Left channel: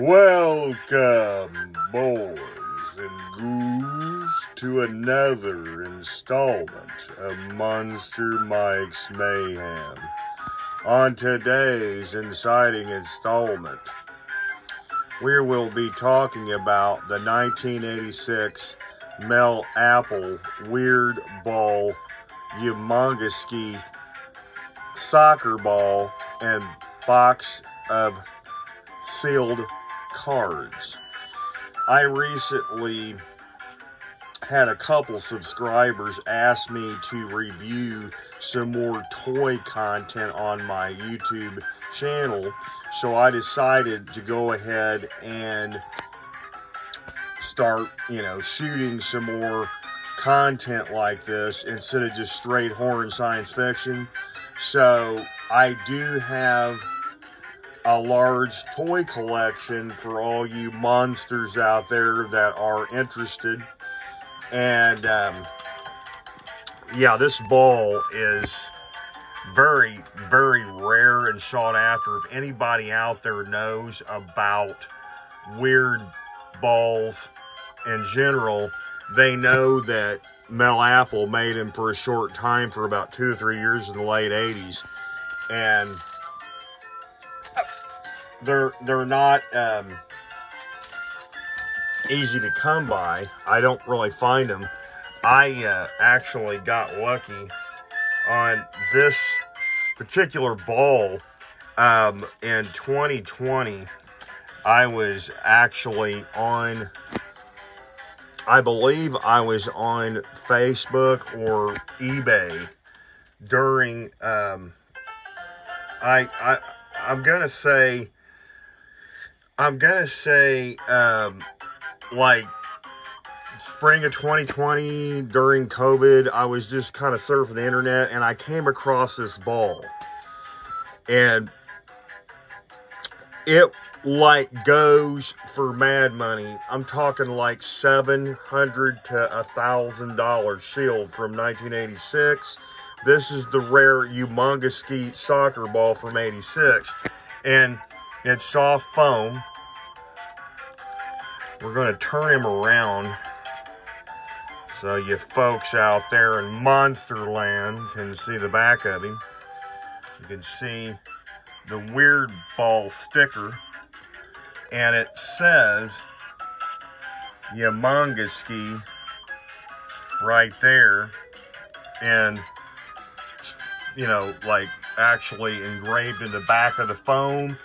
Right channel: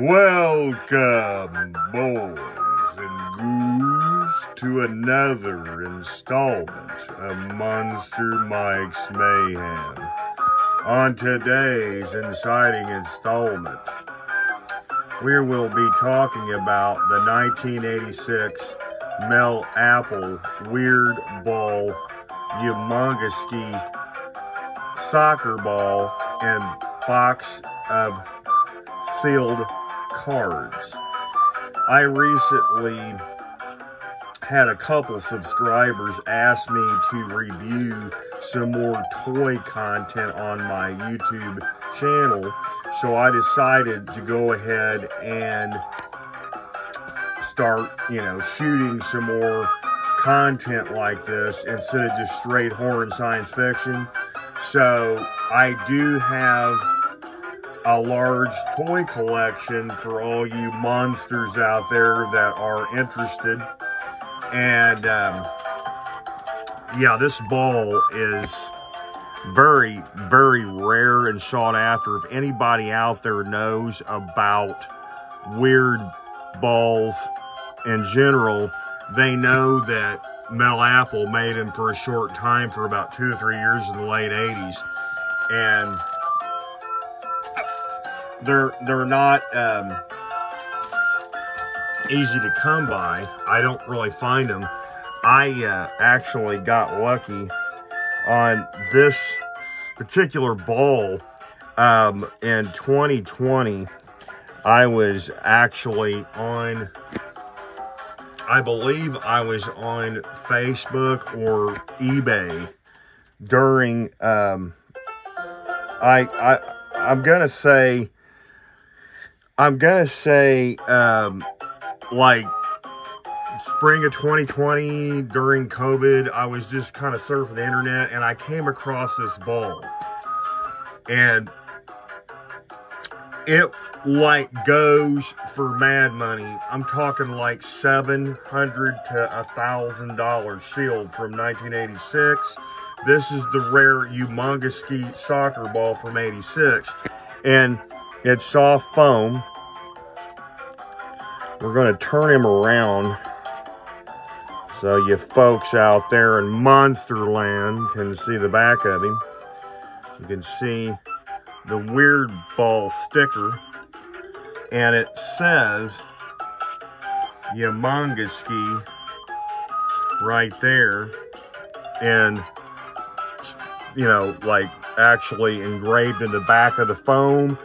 Welcome, boys and ghouls, to another installment of Monster Mike's Mayhem. On today's inciting installment, we will be talking about the 1986 Mel Appel Weird Ball humongous soccer ball and box of sealed cards. I recently had a couple subscribers ask me to review some more toy content on my YouTube channel, so I decided to go ahead and start, shooting some more content like this instead of just straight horror and science fiction. So I do have a large toy collection for all you monsters out there that are interested. And yeah, this ball is very, very rare and sought after. If anybody out there knows about weird balls in general, they know that Mel Appel made him for a short time for about 2 or 3 years in the late 80s. And they're not easy to come by. I don't really find them. I actually got lucky on this particular ball in 2020. I was actually on, I believe I was on Facebook or eBay during I'm gonna say like spring of 2020 during COVID. I was just kind of surfing the internet and I came across this ball, and it like goes for mad money. I'm talking like $700 to $1,000 sealed from 1986. This is the rare humongous soccer ball from 86, and it's soft foam. We're going to turn him around so you folks out there in Monsterland can see the back of him. You can see the weird ball sticker, and it says humongous right there, and like actually engraved in the back of the foam.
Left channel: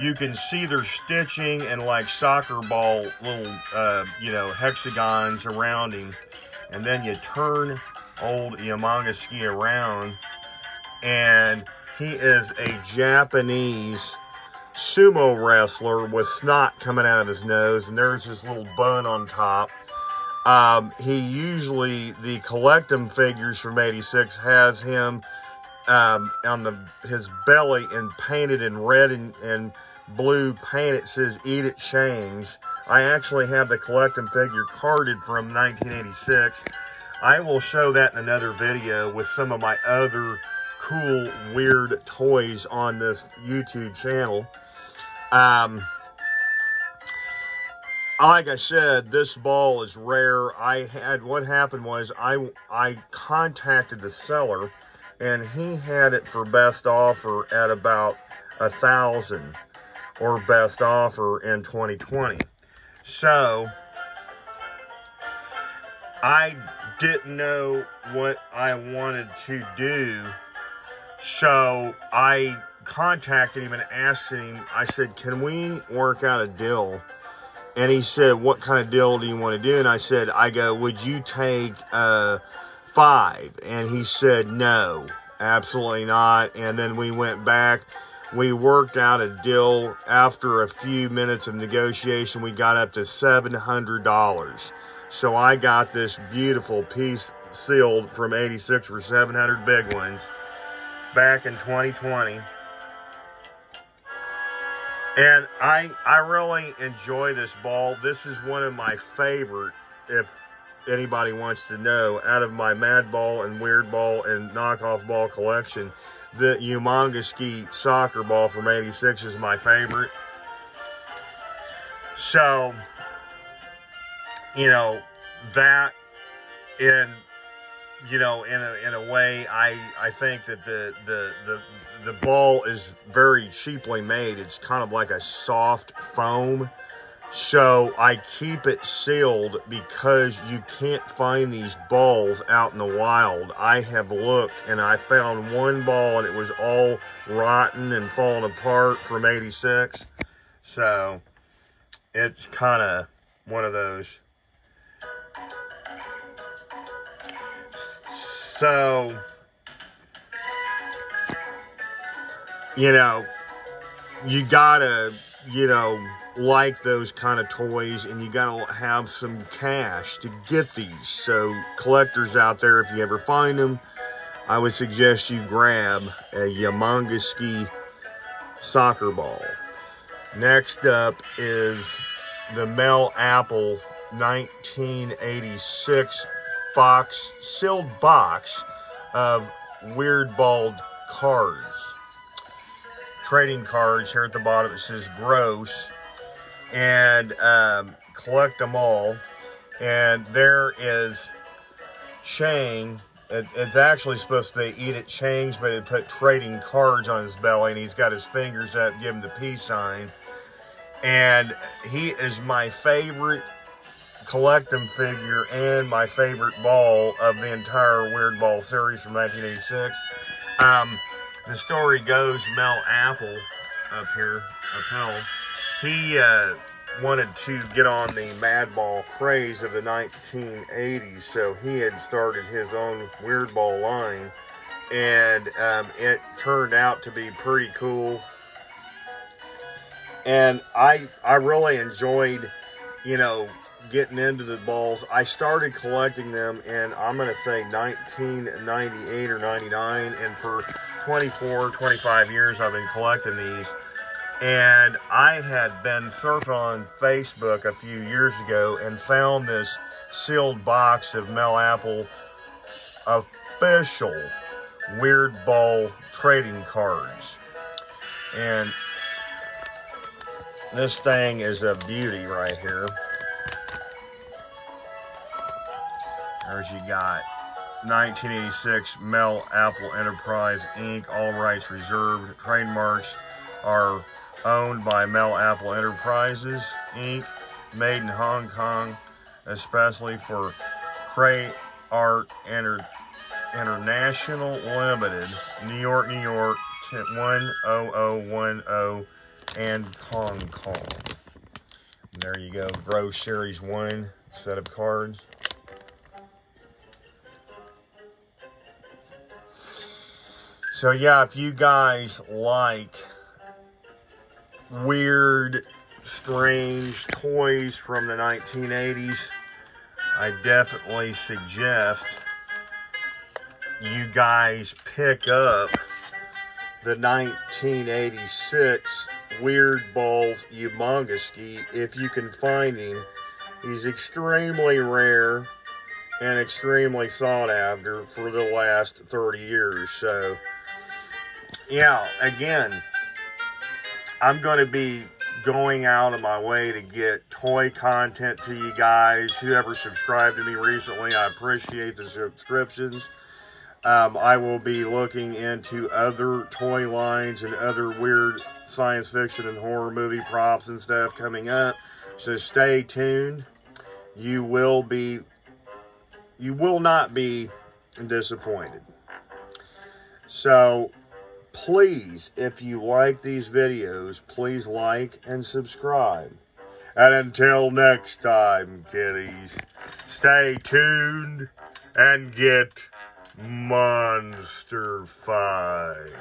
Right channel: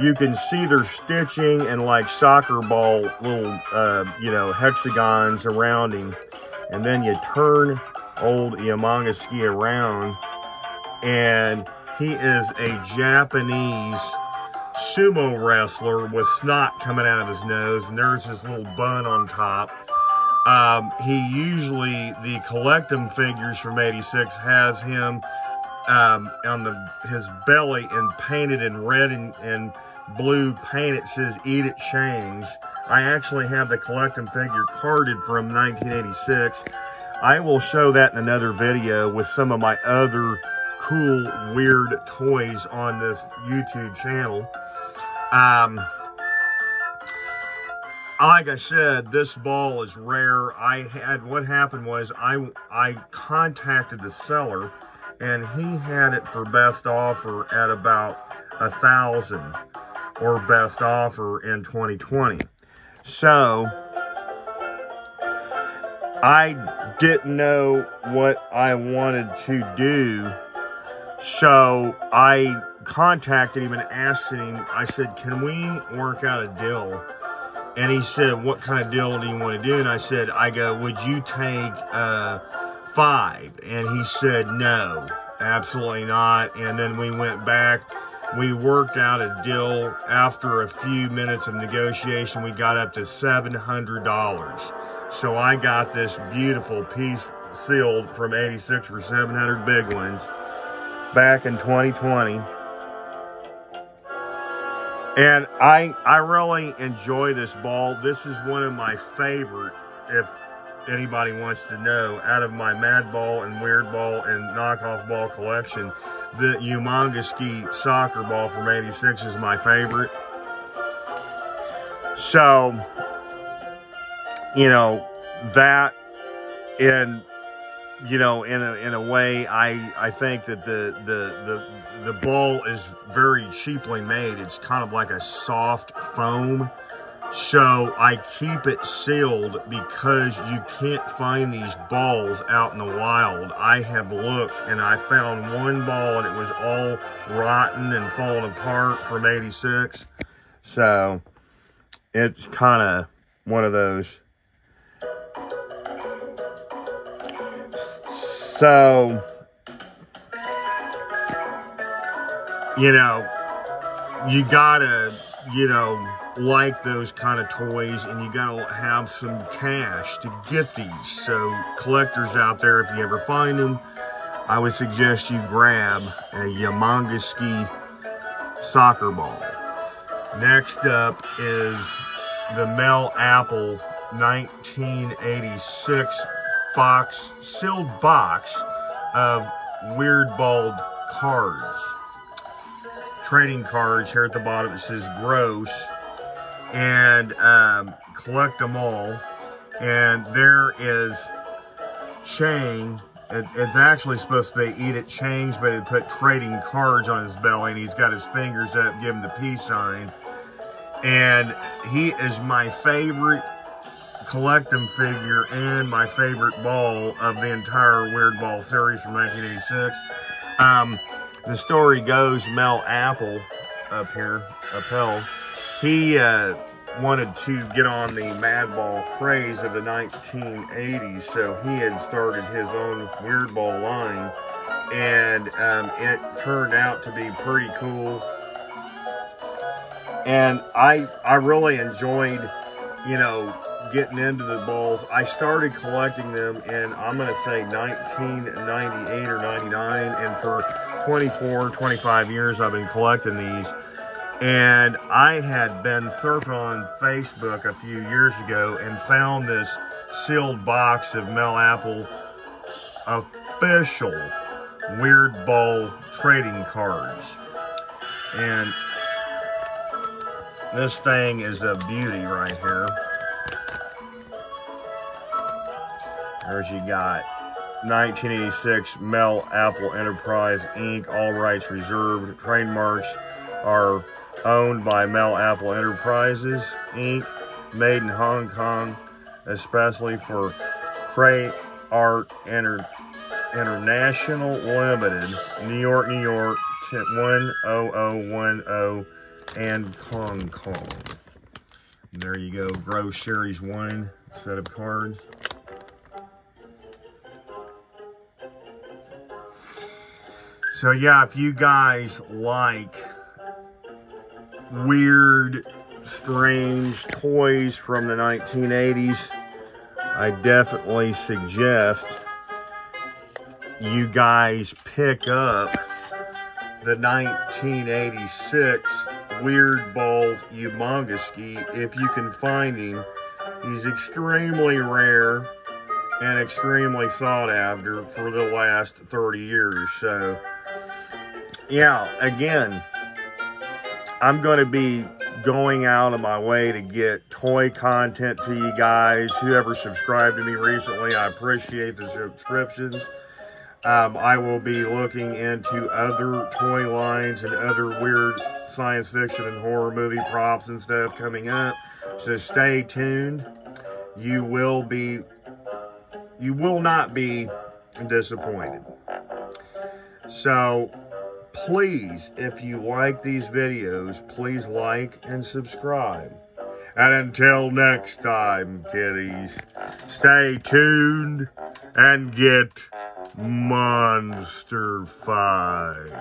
You can see their stitching and like soccer ball little, hexagons around him. And then you turn old humongous around, and he is a Japanese sumo wrestler with snot coming out of his nose, and there's his little bun on top. He usually, the Collectum figures from 86 has him on his belly and painted in red and blue paint. It says "Eat It Shangs." I actually have the Collectum figure carded from 1986. I will show that in another video with some of my other cool weird toys on this YouTube channel. Like I said, this ball is rare. What happened was I contacted the seller, and he had it for best offer at about $1,000, or best offer in 2020. So I didn't know what I wanted to do, so I contacted him and asked him, I said, can we work out a deal? And he said, what kind of deal do you want to do? And I go, would you take 5? And he said, no, absolutely not. And then we went back. We worked out a deal. After a few minutes of negotiation, we got up to $700. So I got this beautiful piece sealed from 86 for 700 big ones back in 2020. And I really enjoy this ball. This is one of my favorite, if anybody wants to know, out of my Mad Ball and Weird Ball and knockoff ball collection. The humongous soccer ball from 86 is my favorite. So, you know, that in, you know, in a way, I think that the ball is very cheaply made. It's kind of like a soft foam. So I keep it sealed because you can't find these balls out in the wild. I have looked and I found one ball and it was all rotten and falling apart from '86. So it's kind of one of those. So, you know, you gotta, you know, like those kind of toys, and you gotta have some cash to get these. So collectors out there, if you ever find them, I would suggest you grab a humongous soccer ball. Next up is the Mel Appel 1986 sealed box of Weird Ball cards. Trading cards. Here at the bottom it says gross, and collect them all. And there is Chang. It's actually supposed to be Eat It Chang's, but it put trading cards on his belly, and he's got his fingers up, give him the peace sign. And he is my favorite collecting figure and my favorite ball of the entire Weird Ball series from 1986. The story goes, Mel Appel Appel, he wanted to get on the Madball craze of the 1980s, so he had started his own Weird Ball line, and it turned out to be pretty cool. And I really enjoyed, you know, getting into the balls. I started collecting them in, I'm going to say 1998 or 99, and for 24, 25 years I've been collecting these. And I had been surfing on Facebook a few years ago and found this sealed box of Mel Appel official Weird Ball trading cards. And this thing is a beauty right here. There's you got 1986 Mel Appel Enterprise Inc. All rights reserved. Trademarks are owned by Mel Appel Enterprises Inc. Made in Hong Kong, especially for Crate Art International Limited, New York, New York 10010, and Hong Kong. There you go, Gross Series 1 set of cards. So yeah, if you guys like weird, strange toys from the 1980s, I definitely suggest you guys pick up the 1986 Weird Ball humongous if you can find him. He's extremely rare and extremely sought after for the last 30 years. So yeah, again, I'm going to be going out of my way to get toy content to you guys. Whoever subscribed to me recently, I appreciate the subscriptions. I will be looking into other toy lines and other weird science fiction and horror movie props and stuff coming up. So stay tuned. You will not be disappointed. So please, if you like these videos, please like and subscribe. And until next time, kiddies, stay tuned and get monster-fied.